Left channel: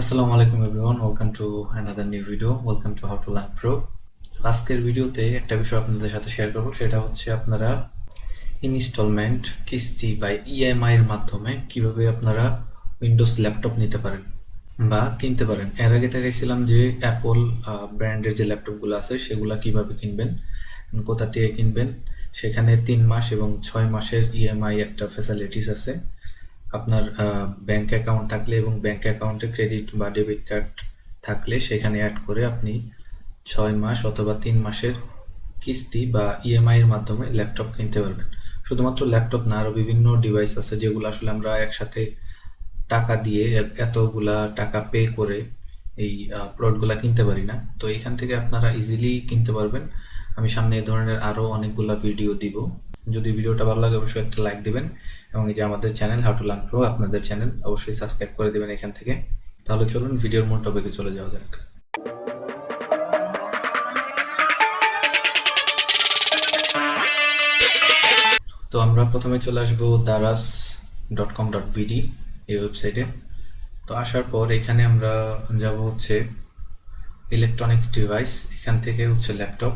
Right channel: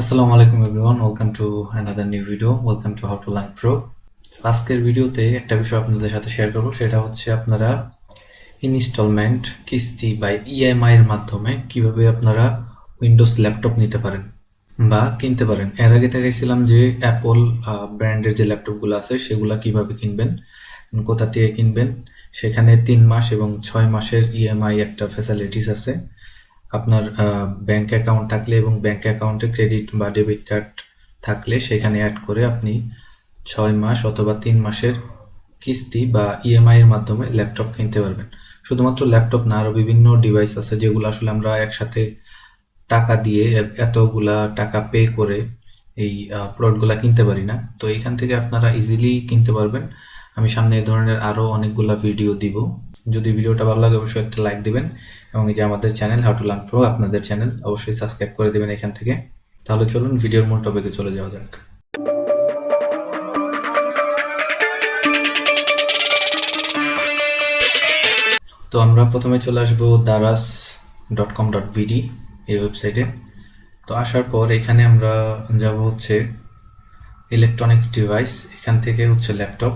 আসসালামু আলাইকুম everyone, welcome to another new video. Welcome to how to learn pro. আজকের ভিডিওতে একটা বিষয় আপনাদের সাথে শেয়ার করবো, সেটা হচ্ছে আপনারা ইনস্টলমেন্ট, কিস্তি বা ইএমআই এর মাধ্যমে কিভাবে আপনারা উইন্ডোজ ল্যাপটপ নিতে পারেন বা কিনতে পারেন। এর আগে দেখাইছিলাম যে অ্যাপল ব্র্যান্ডের যে ল্যাপটপগুলো আছে সেগুলো কিভাবে কিনবেন, কোথা থেকে কিনবেন। সেখানে 3 মাস এবং 6 মাসের ইএমআই একটা ফ্যাসিলিটিস আছে। আপনার ব্যাংক অ্যাকাউন্ট থাকলে এবং ব্যাংক অ্যাকাউন্টে ক্রেডিট বা ডেবিট কার্ড থাকলে সেখানে অ্যাড করে আপনি 6 মাস অথবা 3 মাসের কিস্তি বা ইএমআই এর মাধ্যমে ল্যাপটপ কিনতে পারবেন। শুধুমাত্র ল্যাপটপ না, আরও বিভিন্ন ডিভাইস আছে যেগুলো আসলে আমরা একসাথে টাকা দিয়ে এতগুলা টাকা পে করে এই প্রোডাক্টগুলা কিনতে পারি না। তো এখান থেকে আপনারা ইজিলি কিনতে পারবেন। আমি সামনে এই ধরনের আরও অনেকগুলা ভিডিও দিব। যদি ভিডিওটা ভালো লাগে অবশ্যই একটা লাইক দিবেন এবং এই যে আমাদের channel how to learn pro, আপনাদের চ্যানেল, অবশ্যই সাবস্ক্রাইব করে দেবেন এখান থেকে। তাহলে চলুন ভিডিওর মূল টপিকে চলে যাওয়া যাক। তো আমরা প্রথমে চলে আসবো daras.com.bd এই ওয়েবসাইটে। তো আসার পর এখানে আমরা যাব হচ্ছে ইলেকট্রনিক্স ডিভাইস, এখান থেকে হচ্ছে ল্যাপটপ।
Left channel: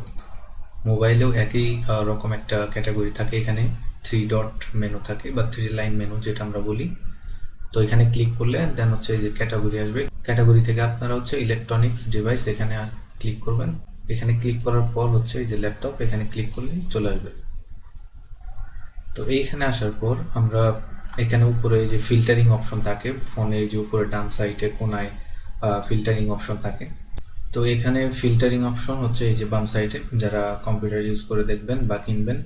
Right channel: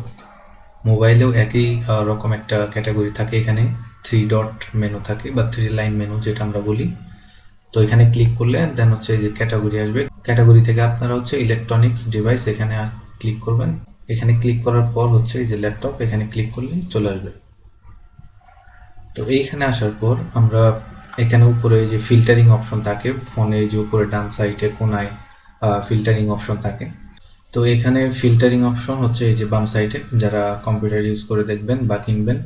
মোবাইলেও একই রকম একটা ক্যাটাগরি থাকে, এখানে 3 ডট মেনু থাকে বা 3 লাইন মেনু যেটা আমরা বলি। তো এখানে ক্লিক করলে দেন হচ্ছে যে ক্যাটাগরি আসবে, ক্যাটাগরি থেকে আপনারা হচ্ছে ইলেকট্রনিক্স ডিভাইস এখানে ক্লিক করবেন। এখানে ক্লিক করার পর হচ্ছে এই যে ল্যাপটপ, এখানে ক্লিক করলেই চলে আসবে। তো এইখানে আসার পর আমরা এখানে উপরে যে ফিল্টারিং অপশন থাকে ফোনে, যে উপরে ডান সাইডে কোনায় ফিল্টারিং অপশন থাকে। তো এখানে ফিল্টারিং অপশন হচ্ছে এই যে বাম সাইডে, যারা কম্পিউটার ইউজ করে দেখবেন বা কিনবেন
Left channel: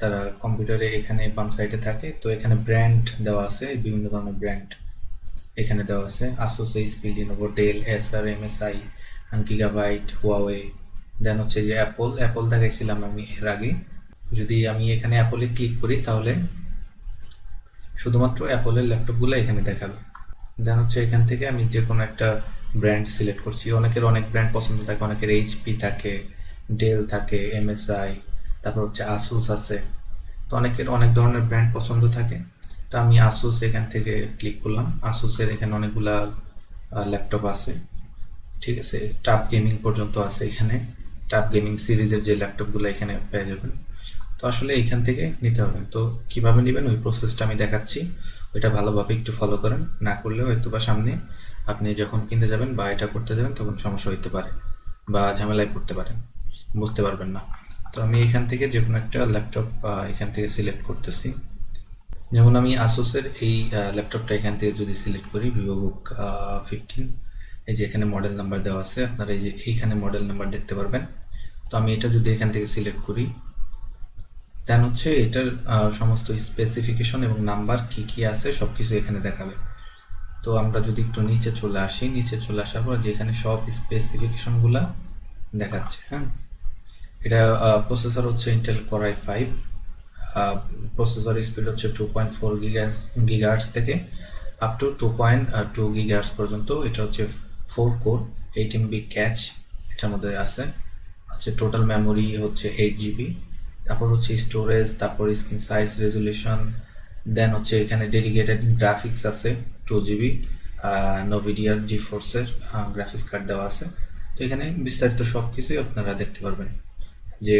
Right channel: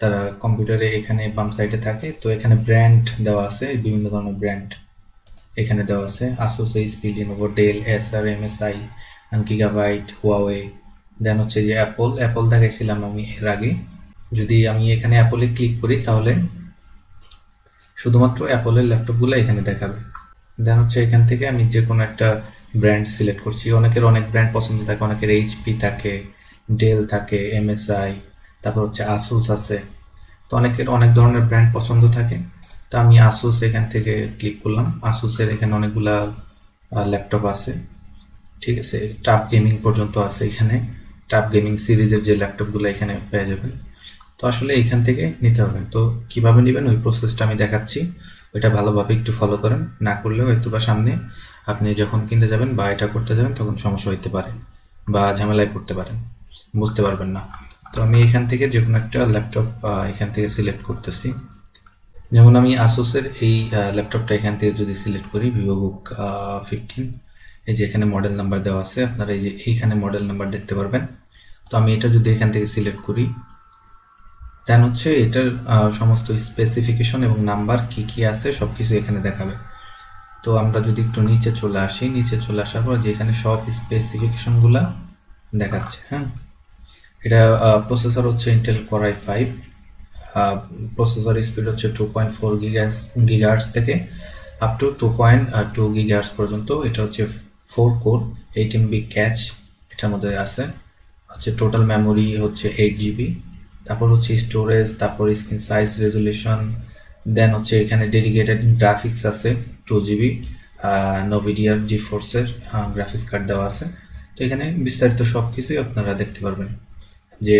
তারা কম্পিউটারে এখানে বাম সাইডে থাকে। তো এখানে ব্র্যান্ড দেওয়া আছে, বিভিন্ন ধরনের ব্র্যান্ড এখানে দেওয়া আছে, আসুস, এইচপি, লিনোভো, ডেল, এসার, এমএসআই, গিগাবাইট, হুয়াওয়ে। দেন হচ্ছে যে অ্যাপল দেখাইছিলাম আমি এর আগে। যদি আমি এখানে অ্যাপলে ক্লিক করি তাহলে শুধুমাত্র অ্যাপলের ল্যাপটপগুলো এখানে দেখাবে। দেন হচ্ছে এখান থেকে আমি যে কোনো একটা ব্র্যান্ড সিলেক্ট করছি। অনেকের অনেক ব্র্যান্ড পছন্দ থাকে, অনেকের এইচপি থাকে, ডেল থাকে, এমএসআই, তারপর হচ্ছে আসুস আছে। তো অনেকের অনেক ধরনের ব্র্যান্ড পছন্দ থাকে। তো আমি আসুস এখান থেকে ক্লিক করলাম। আসুসের এখানে অনেকগুলা ল্যাপটপ আছে, ঠিক আছে, টাফ গেমিং পর্যন্ত আছে এখানে। টাফ গেমিং সিরিজের যে ল্যাপটপগুলো এখানে পেয়ে যাবেন। তো আসলে এখান থেকে নিতে পারবেন। তো কিভাবে নেবেন ওই প্রসেসটা আমি দেখাচ্ছি, ওইটা ভালোভাবে একটু ফলো করেন। না করলেও হয়তো বা সামনে আপনি যখন কিনতে যাবেন বা এটা করতে যাবেন তখন সমস্যা হইতে পারে বা ঝামেলায় পড়তে পারেন, বুঝতে পারবেন না। তো আমি এখান থেকে যে কোনো একটা ল্যাপটপ এখান থেকে সিলেক্ট করতেছি। যেমন আমি আসুসের এই ল্যাপটপটা এখান থেকে যদি সিলেক্ট করি, ভিভোবুক 15, এই যে এখানে মডেল নাম্বার দেওয়া আছে, আপনারা এই যে এইখানে মডেল নাম্বার দেখতে পারবেন। তো আমি এটা যদি এখান থেকে সিলেক্ট করি দেন হচ্ছে এটার সমস্ত স্পেসিফিকেশন এবং নাম্বার কি কি আছে সব কিছু এখানে দেখাবে। তো আমরা যদি একটু নিচে চলে আসি, নিচে চলে আসার পর যে এখানে সব স্পেসিফিকেশনগুলা দেখাচ্ছে। হ্যাঁ, এটা প্রসেসর হচ্ছে Intel core i5, processor speed হচ্ছে 2.4 গিগাহার্টজ থেকে আপ টু 2.2 গিগাহার্টজ পর্যন্ত। এটা হচ্ছে 4 কোর, 8 MB ক্যাচ এটার মধ্যে আছে। হচ্ছে টোটাল মেমোরি হচ্ছে 8 GB। তারপর হচ্ছে স্টোরেজ, তারপর স্ক্রিন সাইজ, রেজলিউশন। দেন হচ্ছে এখানে ডেডিকেটেড গ্রাফিক্স আছে 2 GB, নভিডিয়ার জিফোর্সের গ্রাফিক্স কার্ড দেওয়া আছে। তো এখানে বিস্তারিত সব কিছুই আপনারা দেখতে পারবেন, যে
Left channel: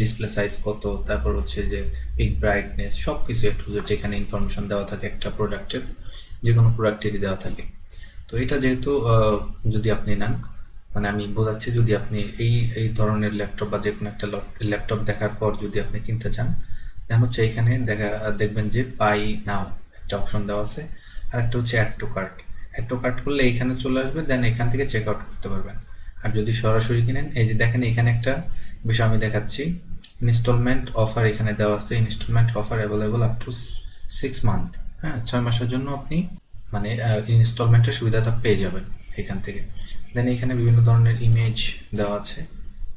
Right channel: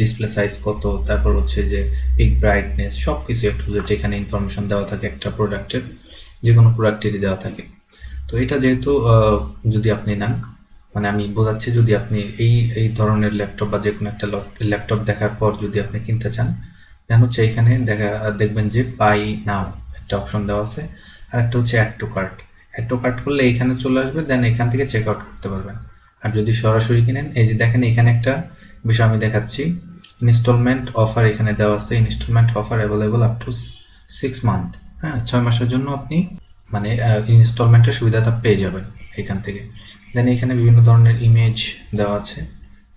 ডিসপ্লে সাইজ কত, তারপর হচ্ছে যে পিক ব্রাইটনেস, সব কিছু একটু যেটা এখানে ইনফরমেশন দেওয়া থাকে একটা প্রোডাক্টের, যে কোনো প্রোডাক্টেরই দেওয়া থাকে। তো এটা যেহেতু যদি আপনি নেন, মানে আমি বোঝাচ্ছি, যদি আপনি এই এই ধরনের ল্যাপটপ বা যে কোনো একটা ল্যাপটপ দেখার পর যদি আপনি কিনতে চান, দেন হচ্ছে এখানে দেখবেন যে বাই নাও একটা অপশন দেওয়া আছে, আর একটা হচ্ছে add to cart. Add to cart করলে এখানে চলে আসবে, দেন এখান থেকে চেক আউট করতে পারবেন। আর যদি সরাসরি কিনেন, এই যে দেখেন এখানে একটা বিষয় আমি দেখাচ্ছি, ইনস্টলমেন্ট অফার এখানে দেওয়া আছে। Installment offer available up to 6 month. হ্যাঁ, 6 মাসের জন্য আপনি মানে ইনস্টলমেন্টের সুবিধাটা পেয়ে যাবেন এখান থেকে। দেন এখানে বিভিন্ন ধরনের ইমেজ দেওয়া আছে,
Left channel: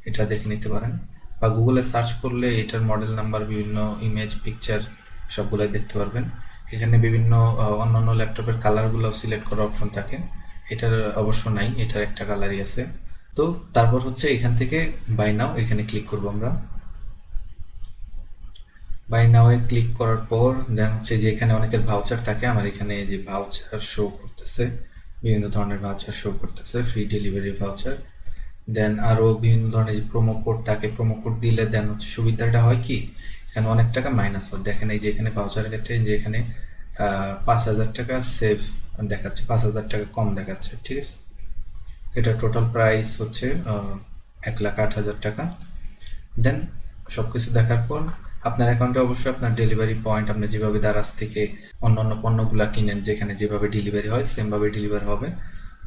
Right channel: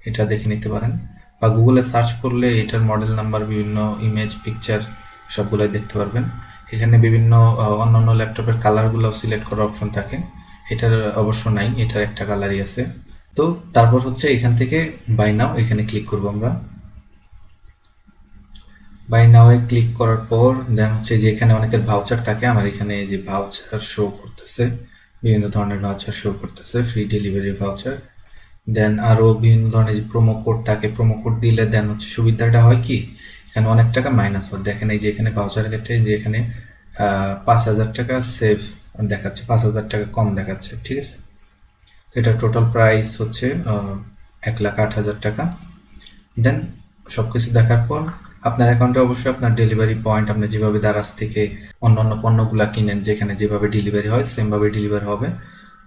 এটা দেখে নিতে পারেন, বা গুগলে সার্চ করলে এটার মডেল নাম্বার, বিভিন্ন ইমেজ, পিকচার সবগুলাই দেখতে পারবেন। এখানে বিভিন্ন অন্যান্য ল্যাপটপের কালারগুলো সিলেক্ট করার অপশন থাকে, এটার অবশ্য নাই, এটার একটা কালারই আছে। তো তারপর হচ্ছে এখান থেকে বাই নাও এখানে ক্লিক করবো আমরা। বাই নাও এ ক্লিক করার পর দেন হচ্ছে যে এখানে অনেকের ভাউচার থাকে, আমার এখানে যে ভাউচার শো করতেছে বিভিন্ন ধরনের ভাউচার শো করতেছে, ফ্রি ডেলিভারি ভাউচার। দেন আরও বিভিন্ন ধরনের যে প্রোমো কোড থাকে, প্রোমো কোড দিলে দেন হচ্ছে সুবিধাটা হয় কি, এখানে অনেক টাকা মাইনাস হয়। দেখেন এই যে এখানে ভাউচারের ক্ষেত্রে যে এখানে 5,000 টাকা সেভ দেখাচ্ছে, 5,000 টাকা কম দেখাচ্ছে, ঠিক আছে। তো এটার টোটাল প্রাইস হচ্ছে 1,08,000 টাকা। দেন সব কিছু দেখার পর আপনার অ্যাকাউন্টে অবশ্যই আপনার ডেলিভারি পয়েন্ট, আপনি যেভাবে দারাজ থেকে অন্য অন্য পণ্যগুলো কিনেন, যেখানে যেভাবে ডেলিভারি হয় সেমভাবে ডেলিভারি হবে।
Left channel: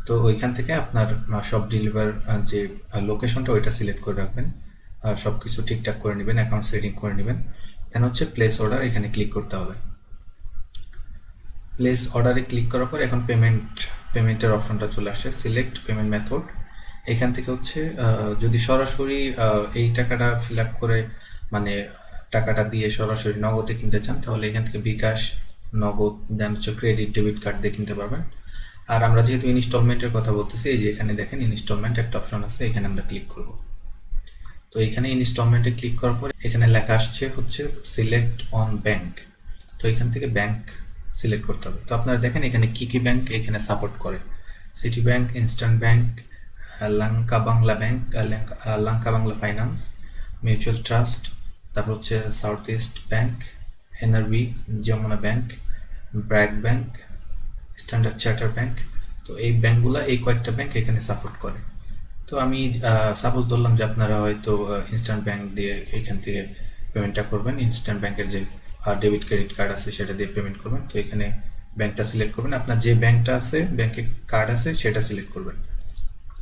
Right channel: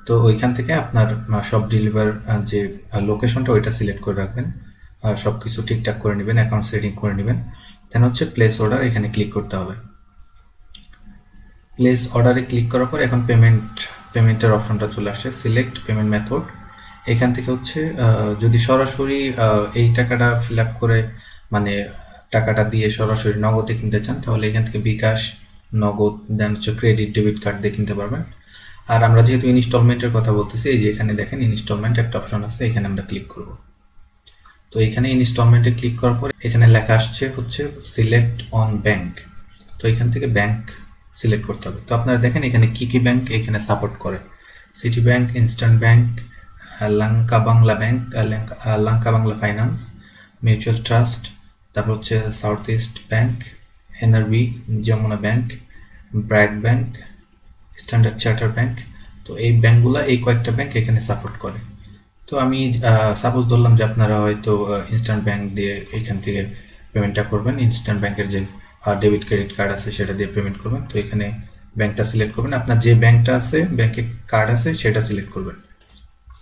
তো ওইখান থেকে আপনার সব ডেলিভার যে লোকেশনটা ওইটা সিলেক্ট করে রাখবেন, সব কিছু ঠিকঠাক করে নেবেন, অ্যাকাউন্ট সেটিং করে নেবেন। দেন হচ্ছে প্লেস অর্ডার, এখানে ক্লিক করতে হবে। প্লেস অর্ডারে ক্লিক করার পর এখন পেমেন্টের অপশনটা চলে আসছে, সিলেক্ট পেমেন্ট মেথড। এখান থেকে হচ্ছে যদি সরাসরি এই টাকাটা ফিল আপ করে মানে টাকাটা দিয়ে সরাসরি নগদে কিনতে চান, তাহলে এখান থেকে বিকাশ, নগদ, দেন হচ্ছে ক্রেডিট, ডেবিট কার্ড দিয়ে কিনতে পারবেন। আর আমরা যেহেতু ইনস্টলমেন্টের কথা বলতেছি, এই যে এখানে দেখেন ইনস্টলমেন্ট একটা অপশন আছে, এখানে আমরা ক্লিক করব। তো এখানে ইনস্টলমেন্টে ক্লিক করার পর এখানে লেখা আসছে হচ্ছে সিলেক্ট অন ব্যাংক। তো এখান থেকে ব্যাংক সিলেক্ট করতে হবে। তো আপনারা দেখেন এখানে কি কি ব্যাংক এখানে সাপোর্ট করে, city bank, eastern bank, LankaBangla bank, LankaBangla finance, mutual trust, তারপর হচ্ছে south east bank, NRB, Jamuna bank, BRAC bank, standard charter bank. তো এই ব্যাংকগুলো, এই কয়েকটা ব্যাংক এখানে সাপোর্ট করে। তো আমি সাপোজ ধরলাম যে আপনারা হয়তো ইনস্ট্যান্ট ব্যাংক দিয়ে এখান থেকে পেমেন্টটা করবেন, ইনস্ট্যান্ট ব্যাংকের যে ডেবিট ক্রেডিট কার্ড আছে সেটা দিয়ে পেমেন্ট করবেন। তো এখানে ব্যাংকটা সিলেক্ট করবেন, আপনার যে ব্যাংকটা আছে, ব্যাংকে কার্ড আছে সেটা সিলেক্ট করবেন।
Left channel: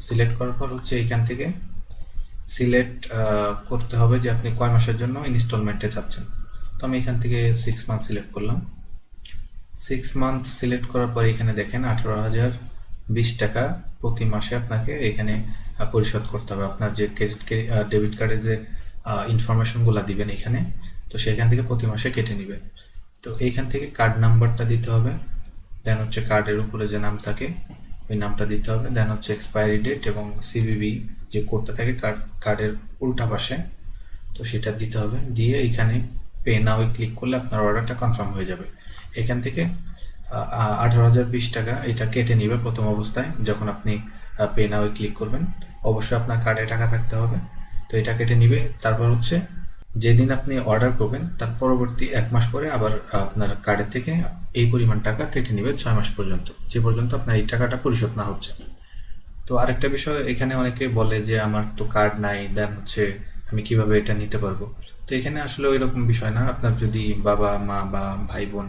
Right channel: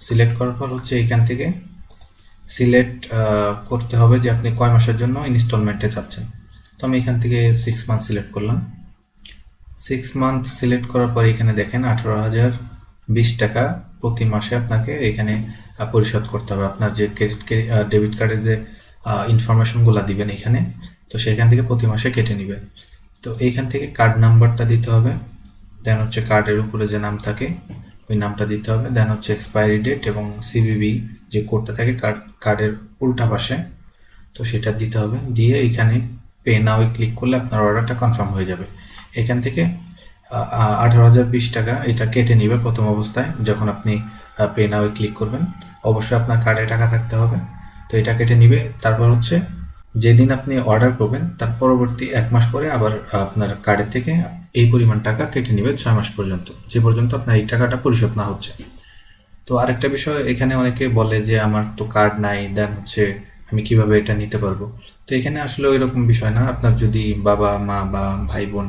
সিলেক্ট করার পর হচ্ছে এখান থেকে সিলেক্ট করতে হবে যে আপনি কয় মাসের জন্য ইনস্টলমেন্টে চাচ্ছেন। তো আমি এখান থেকে 6 মান্থ সিলেক্ট করলাম। 6 মান্থ সিলেক্ট করার পর এখানে দেখেন 18,020 টাকা প্রতি মাসে আপনাকে এখানে পরিশোধ করতে হবে। আপনার যে ক্রেডিট ডেবিট কার্ডের যে ইনফরমেশনগুলো দিবেন এখানে, তো সেখান থেকে প্রতি মাসে কেটে নেবে। তো এইখান থেকে কার্ড নাম্বারটা দিতে হবে, দেন হচ্ছে কার্ডের উপরে যে নাম থাকে ওই নামটা দিতে হবে, দেন হচ্ছে এক্সপায়ারি ডেট এবং সিভিভি যে কোডটা থাকে কার্ডের উল্টা পাশে, তো সেটা দিতে হবে। দিয়ে এখানে পে নাও ক্লিক করলে আপনার অর্ডারটা কনফার্ম হয়ে যাবে। এখান থেকে 18,020 টাকা এটা কেটে নেবে প্রথম অবস্থায় যখন আপনি পে নাও ক্লিক করবেন। অবশ্যই আপনার কার্ডে টাকা থাকতে হবে। তো এটা কেটে নিবে। তারপর হচ্ছে যেদিন আপনি অর্ডার করবেন তার পরবর্তী 1 মাস পরে আবার আপনার কার্ডের থেকে এই পরিমাণ টাকা কেটে নেবে 6 মাস পর্যন্ত, যে পর্যন্ত আপনার এই টাকাটা পরিশোধ না হচ্ছে। তো আরেকটা বিষয়, এখানে অনেকে বলে যে আমার তো কার্ড নাই, দেন হচ্ছে আমি কিভাবে এটা নিতে পারবো। তো এখানে আসলে ওই রকম বিষয় না। আপনার যদি বাবা মা বা ভাই বোন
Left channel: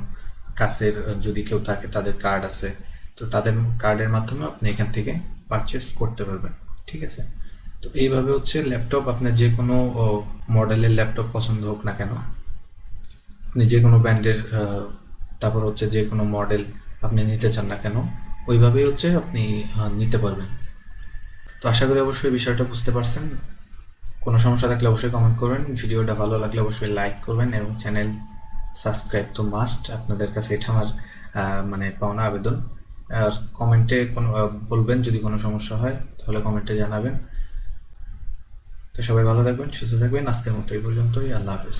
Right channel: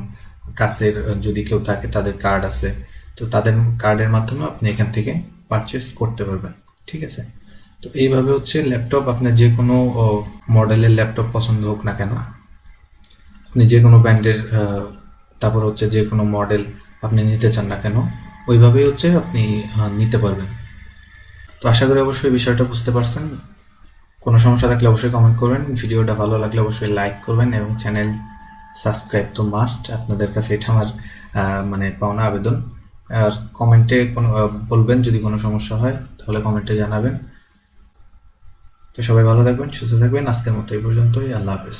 কাছের যদি কেউ থাকে, তাদের কার্ড আছে, তো তাদের কার্ডের মাধ্যমে আপনি এখান থেকে পারচেস করতে পারবেন, ঠিক আছে। তো এইভাবে হচ্ছে ল্যাপটপ, আপনার যে কোনো মডেলের ল্যাপটপ পছন্দ হোক না কেন, আপনি যে কোনো ব্র্যান্ডের, তারপর হচ্ছে যে কোনো মডেল আপনি নিতে চান না কেন, ওইভাবেই হচ্ছে আপনি নিতে পারবেন। তো আশা করি অবশ্যই বিষয়টা বুঝতে পারছেন। কোনো সমস্যা থাকলে অবশ্যই কমেন্ট করবেন, ভিডিওটা ভালো লাগলে অবশ্যই লাইক করবেন এবং চ্যানেল সাবস্ক্রাইব তো মাস্ট। আপনাদের কাছে এটা আমার মানে পাওনা আবেদন। আর কমেন্টে কোনো বলবেন যদি কোনো সমস্যা হয়, তাহলে কমেন্টে জানাবেন। তো সবাই ভালো থাকবেন, সুস্থ থাকবেন। আজকের মতো এই পর্যন্তই। আল্লাহ হাফেজ।